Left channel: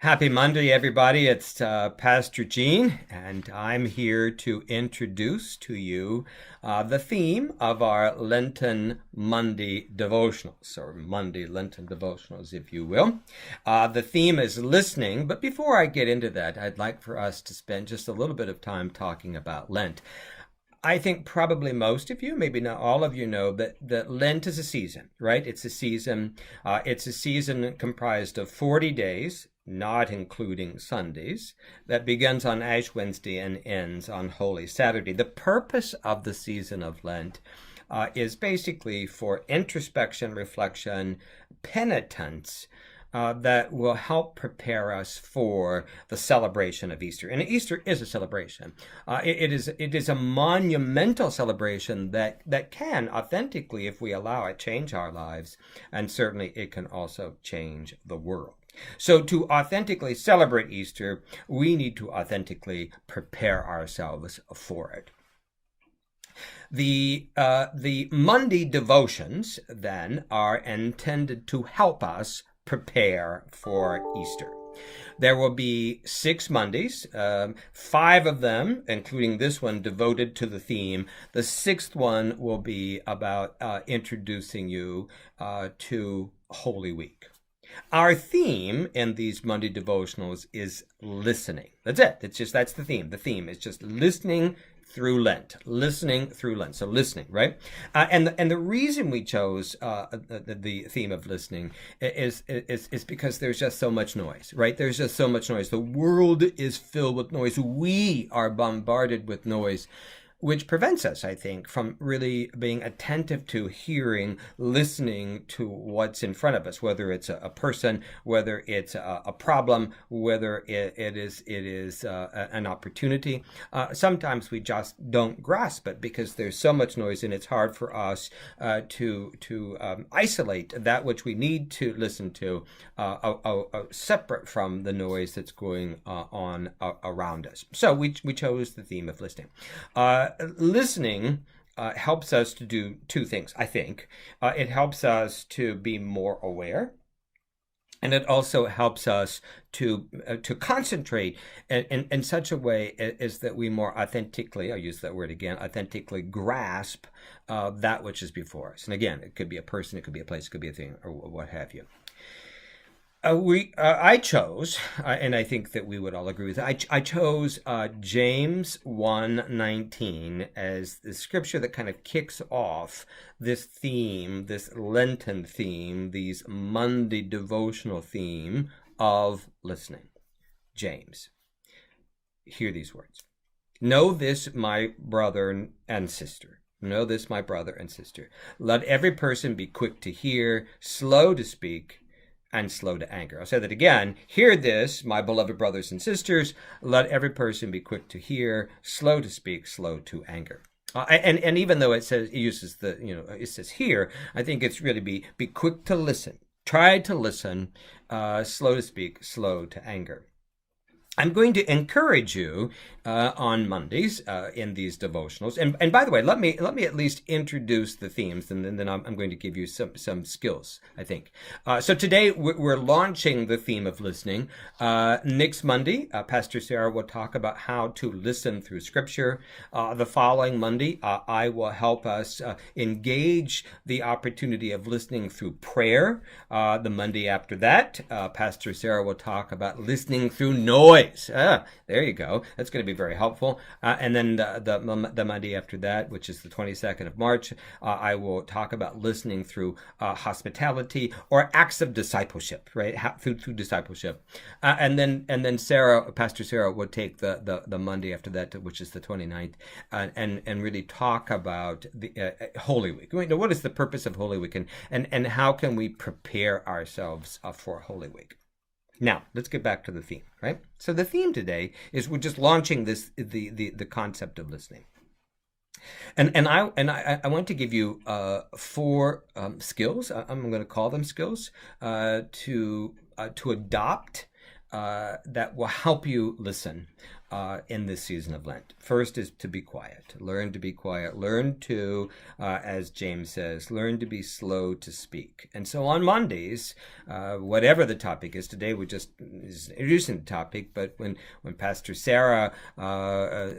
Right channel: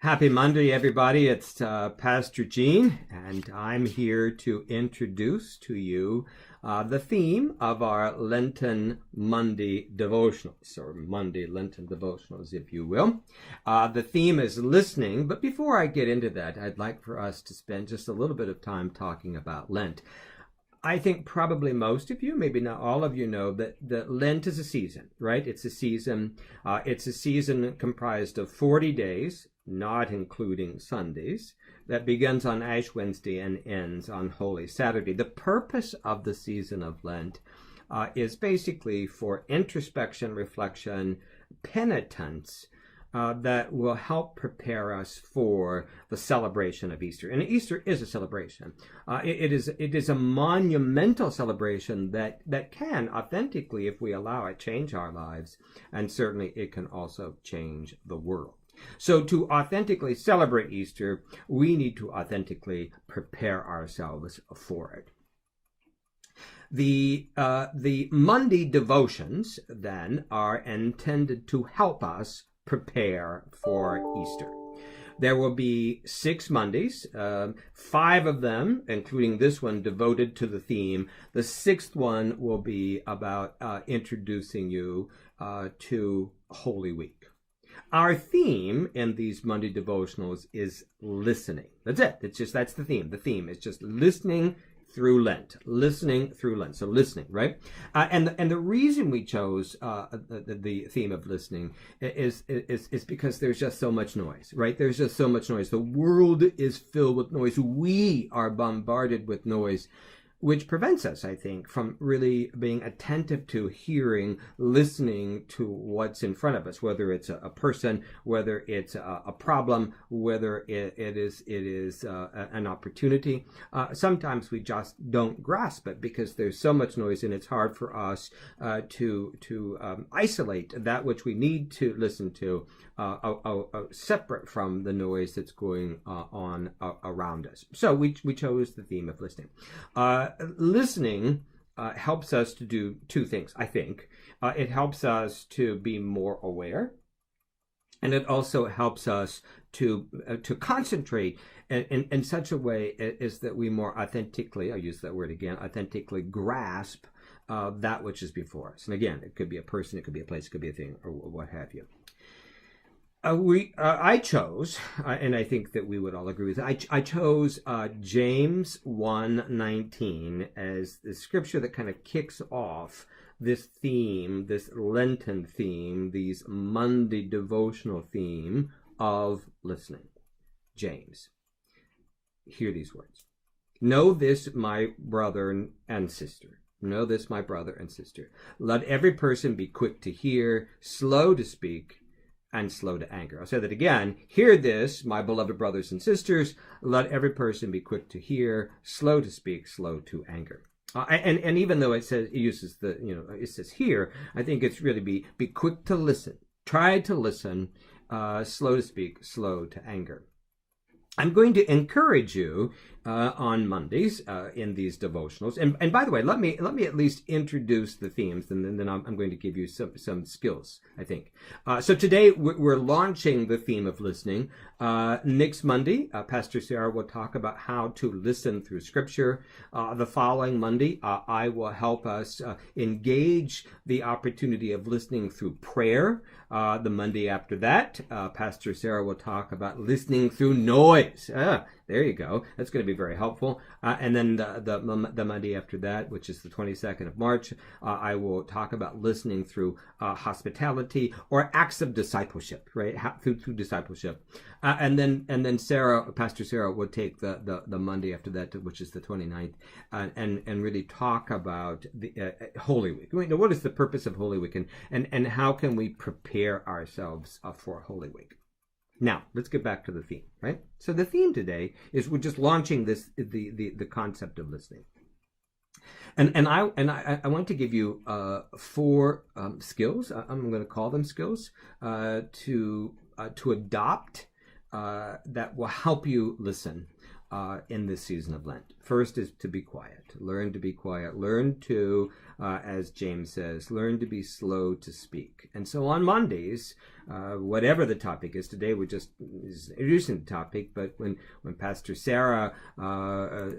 Happy Monday, everybody. It's Pastor Gene, and I'm here to introduce to you the theme of our Lenten Monday devotionals, or Monday Lenten devotionals, if you will. The theme is listening, but before I get into that, I'd like for us to spend just a little bit of time talking about Lent. I think probably most of you, maybe not all of you, know that Lent is a season, right? It's a season. It's a season comprised of 40 days, not including Sundays, that begins on Ash Wednesday and ends on Holy Saturday. The purpose of the season of Lent is basically for introspection, reflection, penitence, that will help prepare us for the celebration of Easter. And Easter is a celebration. It is a monumental celebration that can authentically, if we allow it, change our lives. And certainly it can also change the world. So to authentically celebrate Easter, we need to authentically prepare ourselves for it. The Monday devotions, then, are intended to help us prepare for Easter. There will be 6 Mondays, 5 of them, including this one, devoted to the theme. The 6th one will be about introducing you to Holy Week. Our theme in these Monday devotionals is listening. That's it. That's the theme. The theme is just listening through Lent. Listening through Lent. So listening, right? And the reason we chose the theme of listening is because there's just so much noise, right? There's just so much noise. The world is filled with noise. We are bombarded with noise, which prevents us, I think, from really being attentive to hearing, listening to what's in front of us, whether it's a person, whether it's a problem, whether it is an opportunity. Sometimes we just don't grasp it because there's so much noise, and it's hard for us to isolate that which we need to listen to, separate from the noise that's going on around us. So we chose the theme of listening. Listening helps us to do 2 things, I think. It helps us to be more aware, and it also helps us to concentrate in such a way as that we more authentically, I'll use that word again, authentically grasp that which is before us. And again, it could be a person, it could be a place, it could be a thing, or what have you. I chose, and I think that we would all agree with it, I chose James 1:19 as the scripture that kind of kicks off this theme, this Lenten theme, these Monday devotional theme of listening. James. Hear these words. Know this, my brother and sister. Know this, my brother and sister. Let every person be quick to hear, slow to speak, and slow to anger. I'll say that again. Hear this, my beloved brothers and sisters. Let every person be quick to hear, slow to speak, slow to anger. And even though it says here, I think it's really be quick to listen. Try to listen, slow to speak, slow to anger. I'm going to encourage you on Mondays in these devotionals. And by the way, let me at least introduce the themes, and then I'm going to give you some skills, I think. So today we're launching the theme of listening. Next Monday, Pastor Sarah will talk about how to listen through Scripture. The following Monday, I will help us engage the opportunity of listening through prayer. The Monday after that, Pastor Sarah will talk about listening through noise. There you go. That's going to be very helpful. And then the Monday after that, which is the 22nd of March, I will talk about listening through hospitality or acts of discipleship, right? Through discipleship. And then Pastor Sarah will take the Monday after that, which is the 29th, and really talk about the Holy Week. What is the purpose of Holy Week, and how can we prepare ourselves for Holy Week? Now, let's get back to the theme, right? So the theme today is we're just launching the concept of listening. And I want to give you 4 skills. I'm going to call them skills to adopt that will help you listen in this season of Lent. First is to be quiet. Learn to be quiet. Learn to, as James says, learn to be slow to speak. And so on Mondays, whatever the topic is, today we just is introducing the topic, but when Pastor Sarah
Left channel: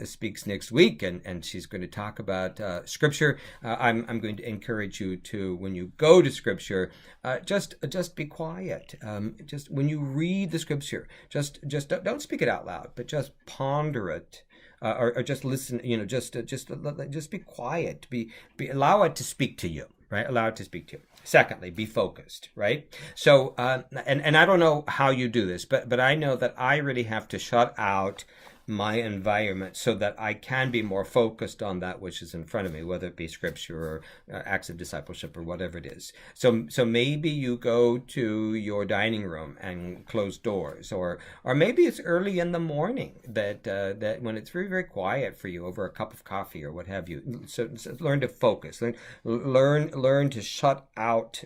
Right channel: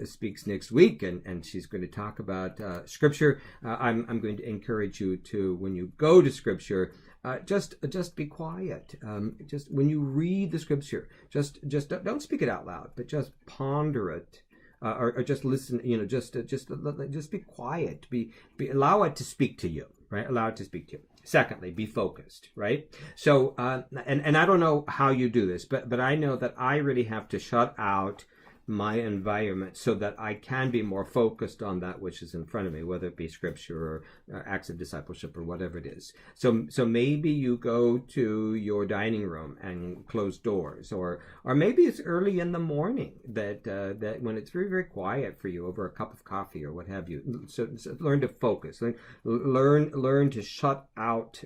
speaks next week and she's going to talk about Scripture, I'm going to encourage you to, when you go to Scripture, just be quiet. Just when you read the Scripture, just don't speak it out loud, but just ponder it, or just listen. Just be quiet. Allow it to speak to you. Right? Allow it to speak to you. Secondly, be focused. Right? So, and I don't know how you do this, but I know that I really have to shut out my environment so that I can be more focused on that which is in front of me, whether it be Scripture or acts of discipleship or whatever it is. So maybe you go to your dining room and close doors, or maybe it's early in the morning that when it's very, very quiet for you over a cup of coffee or what have you. So learn to focus. Learn to shut out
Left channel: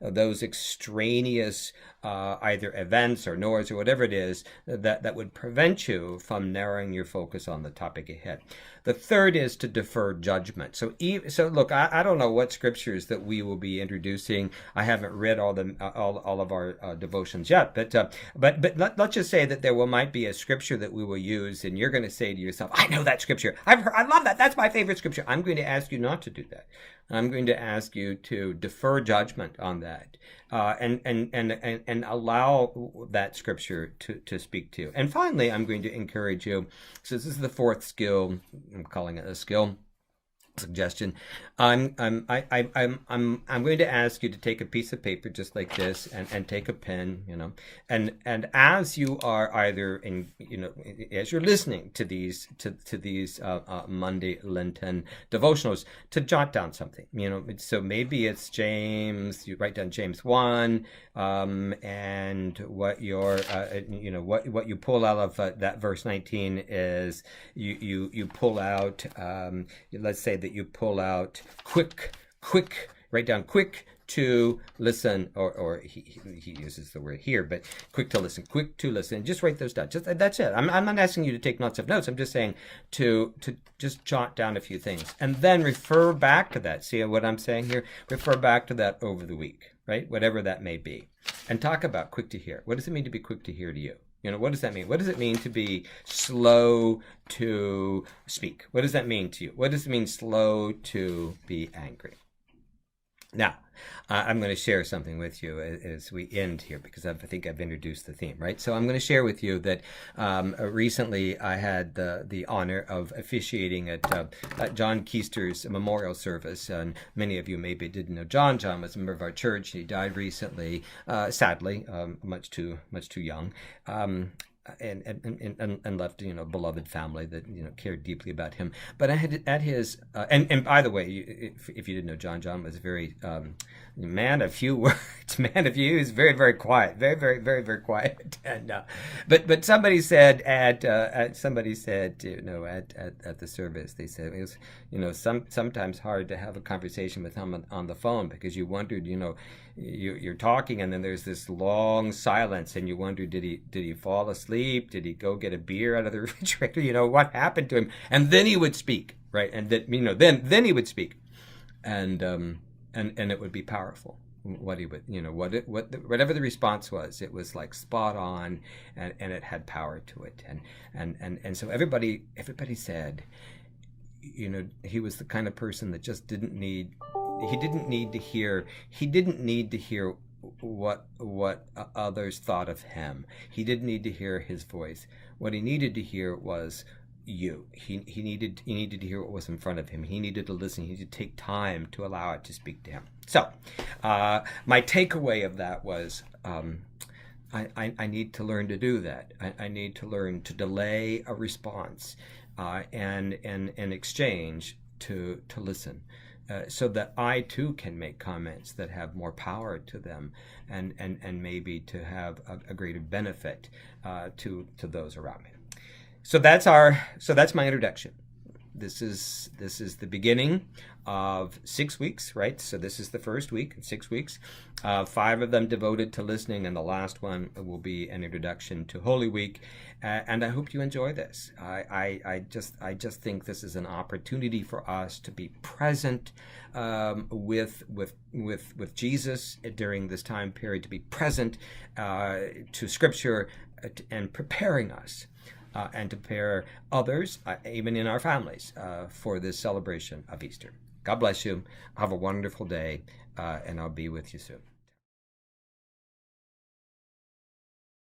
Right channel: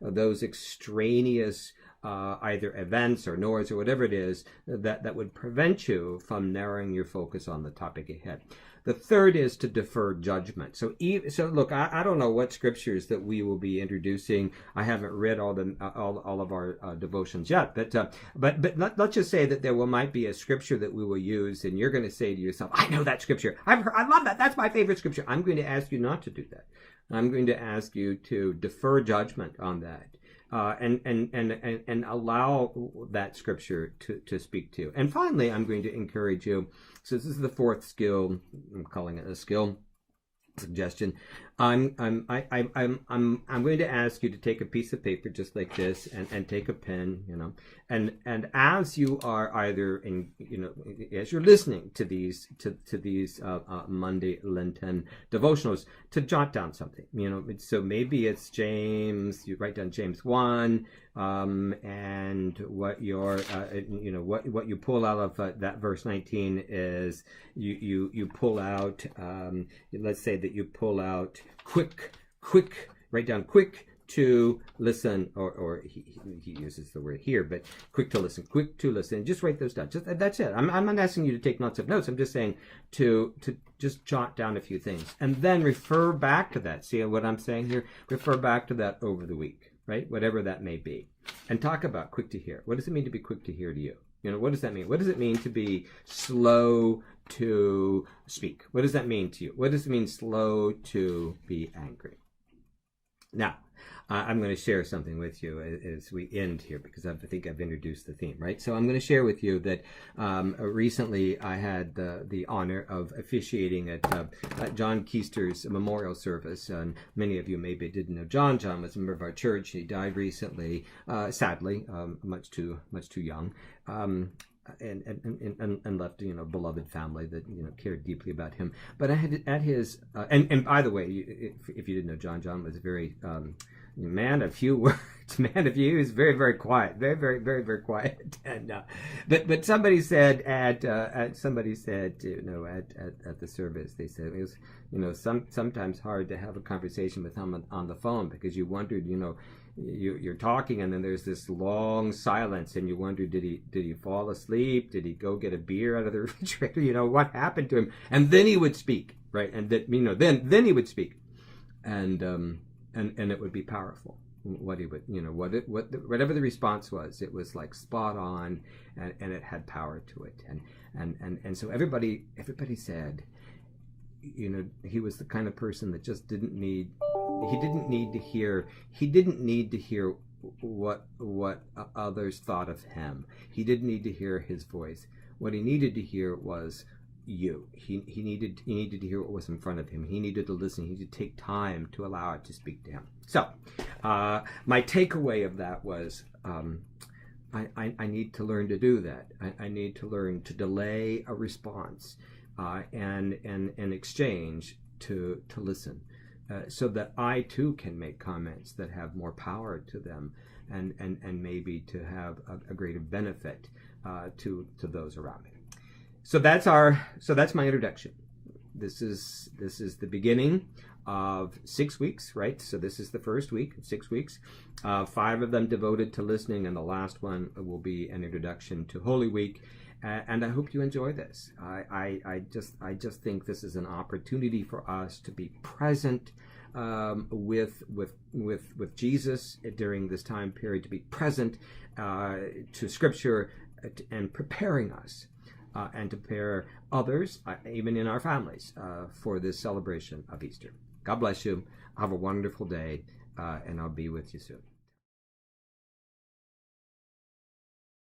those extraneous either events or noise or whatever it is that would prevent you from narrowing your focus on the topic ahead. The third is to defer judgment. So look, I don't know what scriptures that we will be introducing. I haven't read all of our devotions yet, but let's just say that might be a scripture that we will use, and you're going to say to yourself, "I know that scripture. I love that. That's my favorite scripture." I'm going to ask you not to do that. I'm going to ask you to defer judgment on that. And allow that scripture to speak to you. And finally, I'm going to encourage you. So this is the fourth skill. I'm calling it a skill suggestion. I'm going to ask you to take a piece of paper just like this and take a pen, and as you are either as you're listening to these Monday Lenten devotionals, to jot down something, so maybe it's James. You write down James 1, and what what you pull out of that verse 19 is you pull out. Let's say that you pull out quick, write down quick to listen, or he uses the word here, but quick to listen, just write those down. That's it. I'm not asking you to take lots of notes. I'm just saying to just jot down a few things and then refer back to that. See what I'm saying here? Refer back to that over the week, right? Whatever that may be, and talk about quick to hear. What does it mean to be quick to hear to you? What does that mean? What does it mean to be slow to speak? What does that mean to you? What does it mean slow to be angry? Now, I'm going to share something with you as we end here, because I think I've introduced the theme, right? So I'm going to share with you that recently I had the honor of officiating at John Keister's memorial service. And many of you maybe didn't know John. John was a member of our church. He died recently, sadly, much too young. And left a beloved family that cared deeply about him. But I had at his and by the way, if you didn't know John was a very man of few words, he was very, very quiet, very, very, very, very quiet. And but somebody said at the service, they said it was sometimes hard to have a conversation with him on the phone, because you wondered you're talking and then there's this long silence and you wonder, did he fall asleep? Did he go get a beer out of the refrigerator? What happened to him? And then he would speak, right? And then he would speak, and it would be powerful. What he would, whatever the response was, it was like spot on, and it had power to it. And so everybody said, he was the kind of person that just didn't need to hear what others thought of him. He didn't need to hear his voice. What he needed to hear was you. He needed to hear what was in front of him. He needed to listen. He needed to take time to allow it to speak to him. So my takeaway of that was I need to learn to do that. I need to learn to delay a response and in exchange to listen, so that I too can make comments that have more power to them, and maybe to have a greater benefit to those around me. So that's my introduction. this is the beginning of 6 weeks, right? So this is the first week, 6 weeks. 5 of them devoted to listening, and the last one will be an introduction to Holy Week. And I hope you enjoy this. I just think this is an opportunity for us to be present with Jesus during this time period, to be present to Scripture, and preparing us and to prepare others, even in our families, for this celebration of Easter. God bless you. Have a wonderful day, and I'll be with you soon.